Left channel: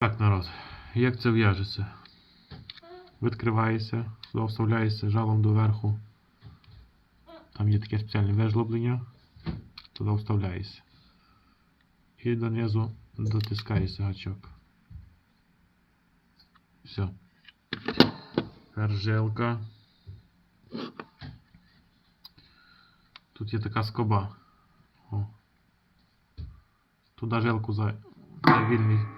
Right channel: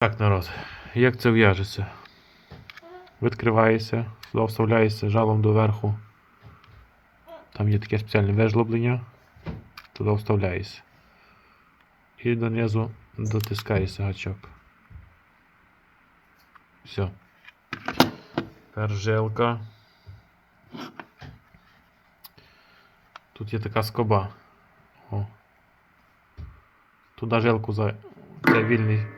Так, народ, як це в'яжеться? Відкривається, сюди вставляється жалом доверху. Там є таке спеціальне вежлоблення. Туди вставляється. І донизу дотискається гачок. Все. Тепер жилка. Тут є така скоба. О. Туди жилку за це вільний,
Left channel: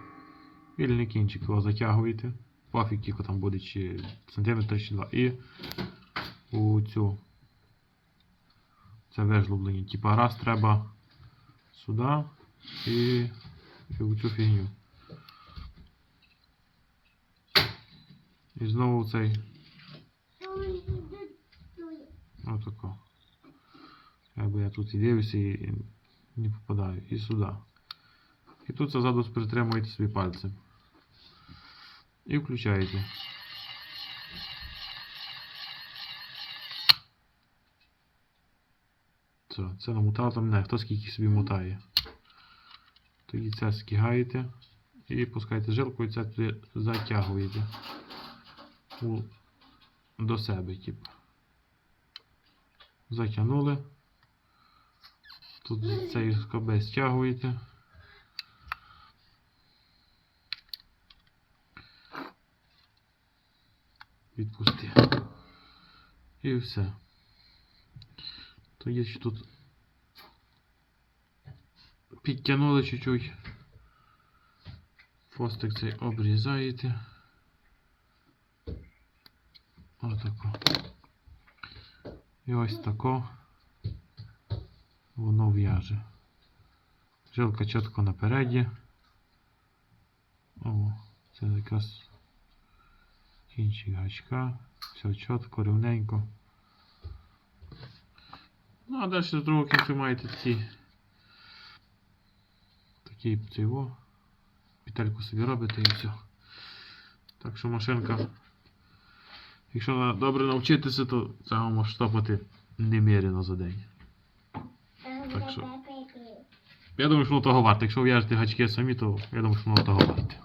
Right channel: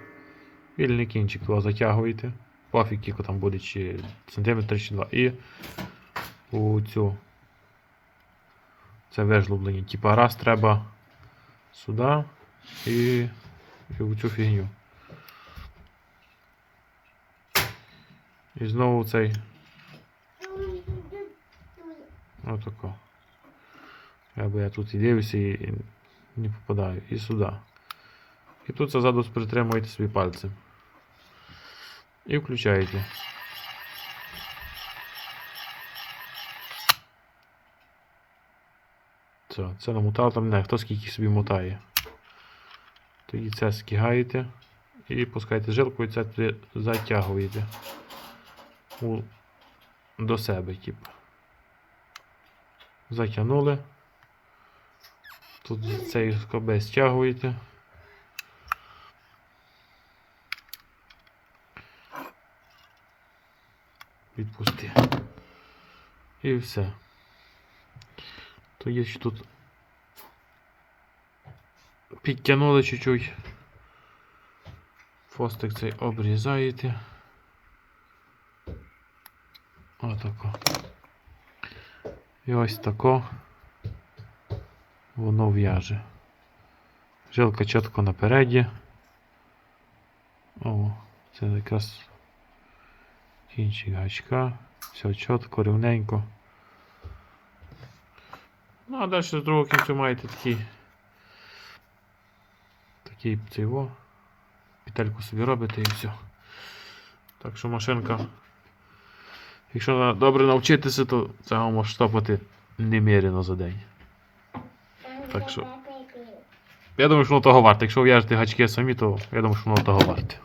вільний кінчик його затягуєте. Пофіг, кілько там буде, чи сантиметр чи два. І у цю це вижлоблення. Типа раз треба сюди і, і у цю фігню. І знову цей. Отако. Або я тут і дивлюся і не попадаю. І сюди. І тут ззаду притримуєте собі пальцем. І включаєте. Це, це намотав там не, хто скільки собі мотає. Тоді це скигаєте і пускаєте жилку і це затягуєте у, до себе, тип. Затягнули. Тут з цієї скоби стягуєте. Відпусти. І все. То є ще тут підтягнули чуть-чуть. Фостик цей обрізаєте. Отако. І ось тако воно в'яже. Жилка чітко напереді. О, це якраз кінчик гачка. Все чітко, рівненько. Ну, а далі з другого кінцю маєте такі. Такі цього. Петельку собі робите і все. Так що машинка. Якщо добре навчитися, то це може штопати немірено за день. Так що. Я думаю, що воно того варте. Якщо в'яжете гачки самі, то я думаю, що воно того варте.